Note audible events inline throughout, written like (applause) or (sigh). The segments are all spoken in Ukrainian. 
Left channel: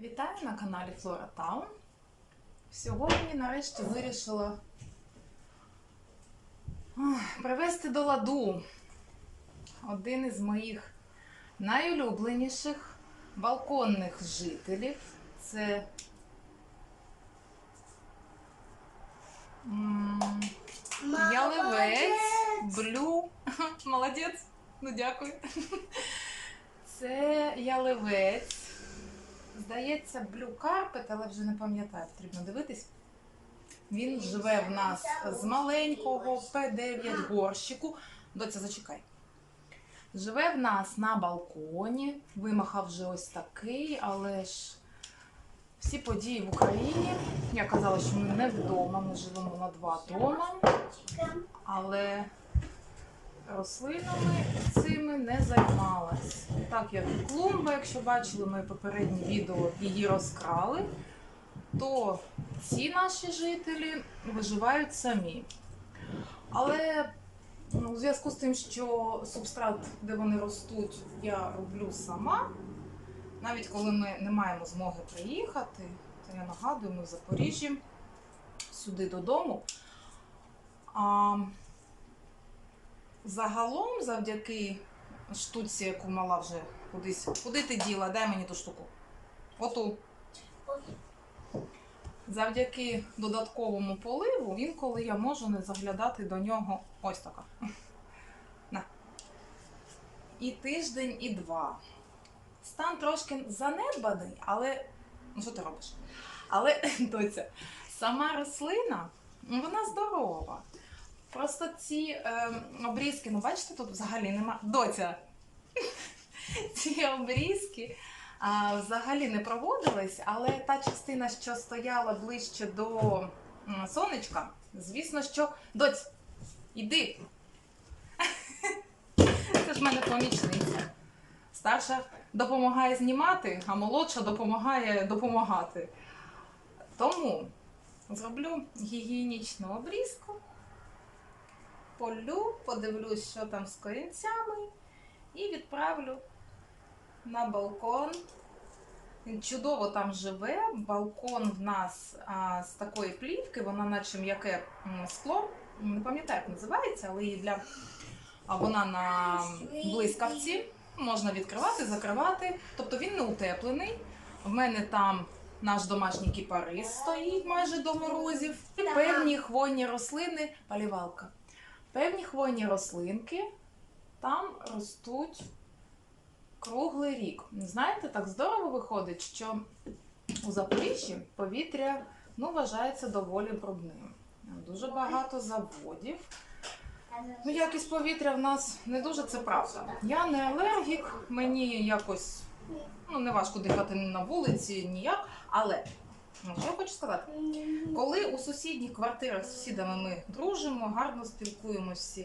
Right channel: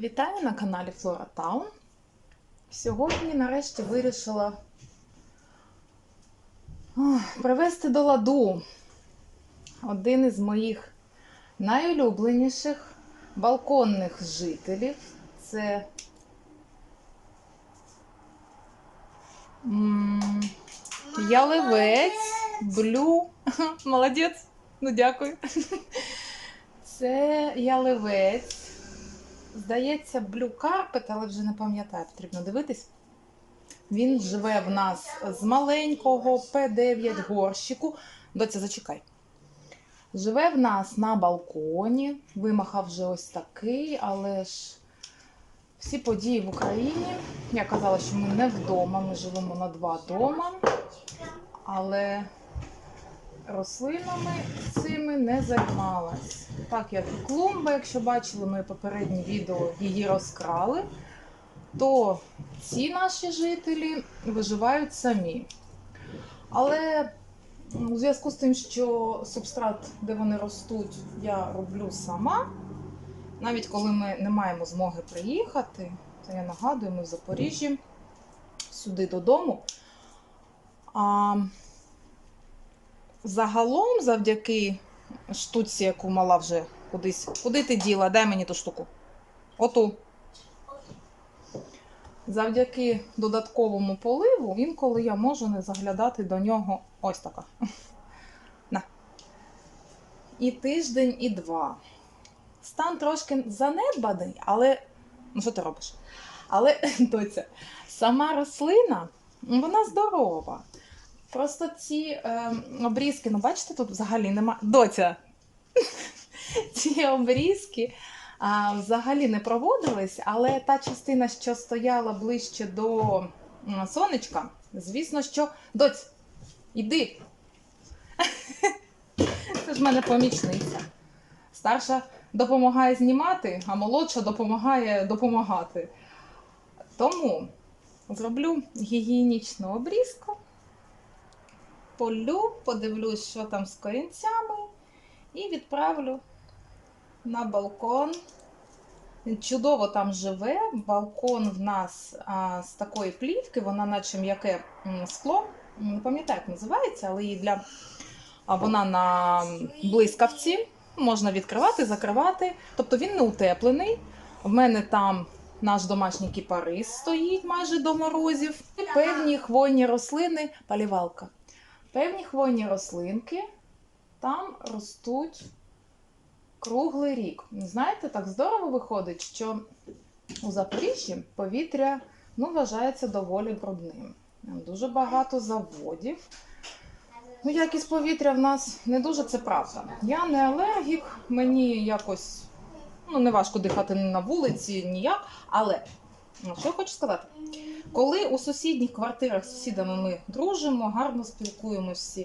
Вітаю на каналі Flora Town. Сьогодні нарешті вирішила привести до ладу один із моїх найулюбленіших балконних жителів. Це м, яливець, блю. (laughs) Молодець. Ну дякую. (laughs) Це яливець. Здається, Blue Carpet, але вже не пам'ятаю, потрібно дивитись. Він живе в нас з маленького П9 горщику. Доця, зачекай. Живе в нас на балконі. Вимахав вже ось такий, але ж всі події в Україні. Я казала, що ми не вдома, ми живемо на два дома. Але рослинами цими не займалась. Так як клумба, якщо бачили мої попередні відео, її розкрали, то ці наші жителі виживають самі. Але ну, у зв'язку з тим, що субстрат, де вони ростуть, я роблю сама. Навіть коли ми не маємо змоги приїхати, то я нагадую, ми в Запоріжжі сюди додому. А, Загалом, завдяки штуці, яку мала вже кудись. Куди ти діла? Дай мені ту штуку. Оту. Завдяки додатковому поливу, інколи я можу не заглядати до нього ось така. (laughs) На. І тиждень, і два. Стан трошки занедбаний, але. Ну, що ти робиш? Але (laughs) доця, сама рослина, вона здорова. Просто ці е, обрізки, ну бачите, тут взагалі нема. Доця. (laughs) ці обрізки а, взагалі не проводились, але та частина, що стояла ближче до сонечка, звісно, що. Доць, іди. (laughs) Це ж в мене помічниця. Старша допомагає знімати, а молодша допомагає допомагати. Тому зроблю гігієнічну обрізку полю, подивлюсь, що там з корінцями, і відправлю на балкон. Чудово там живе. Балкон в нас а, з такої плівки, вона наче м'яке скло. Не пам'ятаю, як називається, але її для а, вона на блискавці. Можна відкривати, закривати. Тобто він не утеплений. В мене там наш домашній кіпарис стоїть майже до морозів. Певні хвойні рослини, палівалка. Певні хвойні рослинки там ростуть круглий рік. Знаєте, так здорово виходить, що у Запоріжжі повітря ну, вважається доволі брудним. Дуже багато заводів. Ну, якість повітря в нас не дуже це правда. Я не алергік, мені якось ну, не важко дихати на вулиці ніяк. Але що я хочу сказати? Коли у сусідніх квартирах з сусідами ми дружимо, гарно спілкуємося.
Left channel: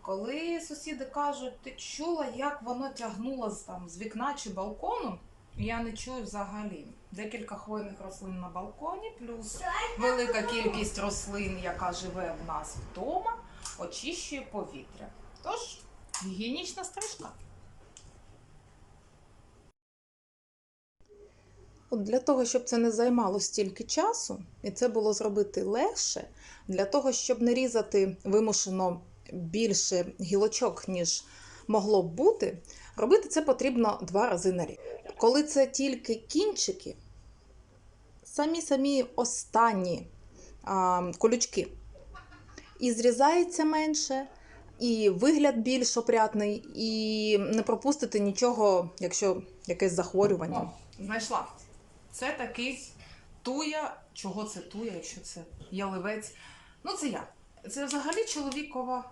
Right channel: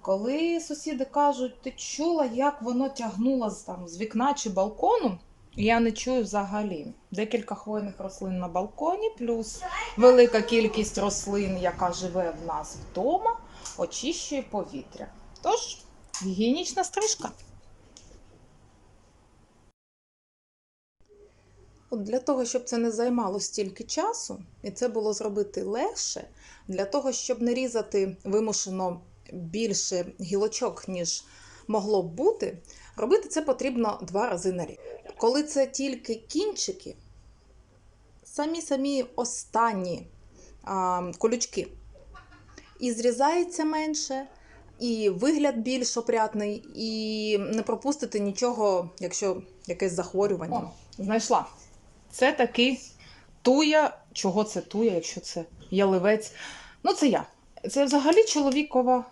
Коли сусіди кажуть, ти чула, як воно тягнуло з, там, з вікна чи балкону, я не чую взагалі. Декілька хвойних рослин на балконі, плюс велика кількість рослин, яка живе в нас вдома, очищує повітря. Тож, гігієнічна стрижка. От для того, щоб це не займало стільки часу, і це було зробити легше, для того, щоб не різати вимушено більше гілочок, ніж могло б бути, робити це потрібно два рази на рік. Коли це тільки кінчики, самі-самі останні а, колючки, і зрізається менше, і вигляд більш опрятний, і не пропустити нічого, якщо якесь захворювання. Знайшла. Це такий туя. Чого це туя, якщо це яливець? Ну, це я. Це взагалі чоловікова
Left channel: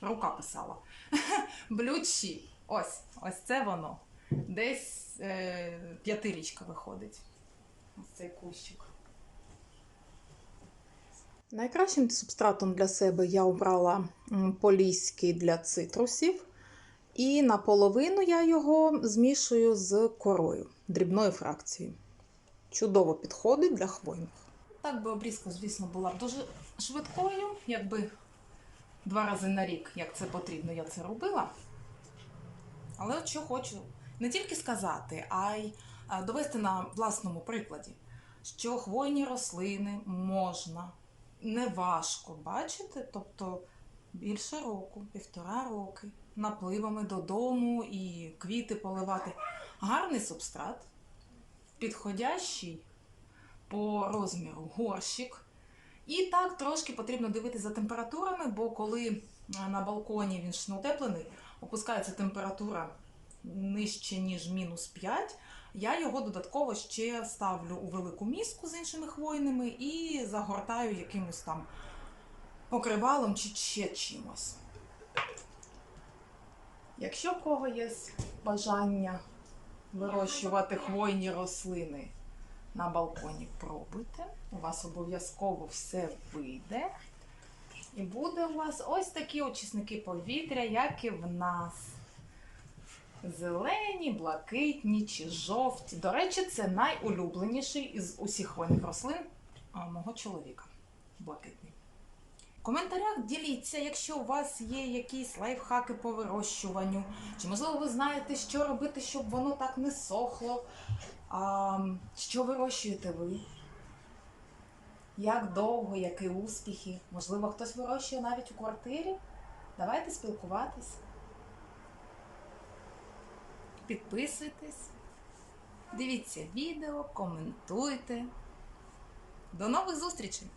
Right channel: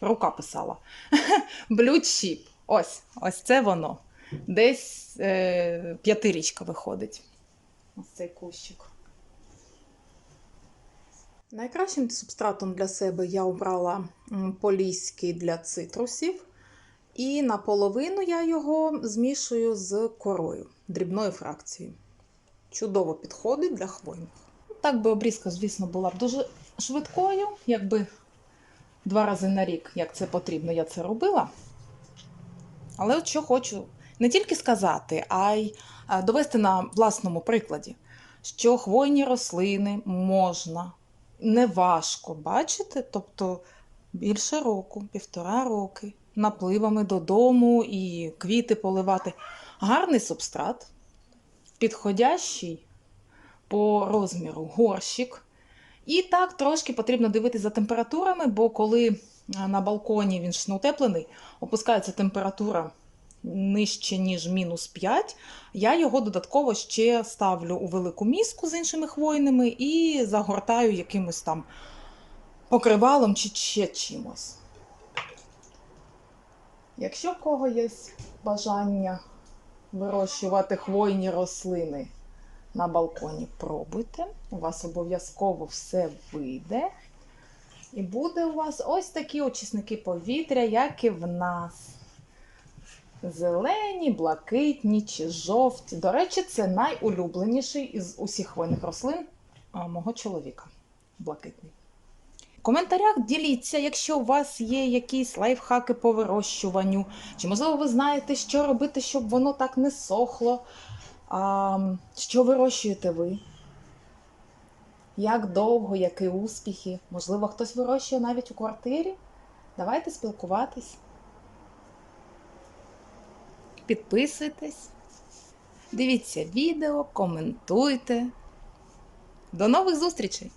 рука писала. (laughs) Блючі. Ось, ось це воно. Десь е, п'ятирічка виходить. Ось цей кущик. Найкращим субстратом для себе я обрала поліський для цитрусів. І наполовину я його змішую з корою дрібної фракції. Чудово підходить для хвойних. Так би обрізка, звісно, була б дуже швидкою, якби два рази на рік, як це потрібно, я це робила. Але от що хочу не тільки сказати, а й е, довести на власному прикладі, що хвойні рослини можна неважко бачити, тобто більше року, півтора роки, напливами додому і квіти поливати. Гарний субстрат, підходящий по розміру горщик. І так трошки потрібно дивитися за температурами, бо коли е, на балконі він ж не утеплений, опускається температура нижче, ніж мінус 5, я його додатково ще ставлю у велику міску з іншими хвойними і загортаю якимось там покривалом чи ще чимось. Якщо в кого є бажання вирощувати хвойні рослини на балконі, пробуйте. У вас обов'язково все вийде. І буде у вас ось такі очисники повітря, як і в нас. Зелені, блакитні чи жовті. До речі, це найулюбленіший із усіх хвойних рослин мого чоловіка. Блакитний. Коментарях діліться, якщо у вас є якісь лайфхаки по вирощуванню, чи можливо ви знаєте, що робити, щоб воно так не сохло. А, що вирощуєте ви? Як довго, які успіхи? Можливо, хтось вирощує навіть у квартирі? Давайте спілкуватись. Підписуйтесь, дивіться відео, коментуйте. До нових зустрічей!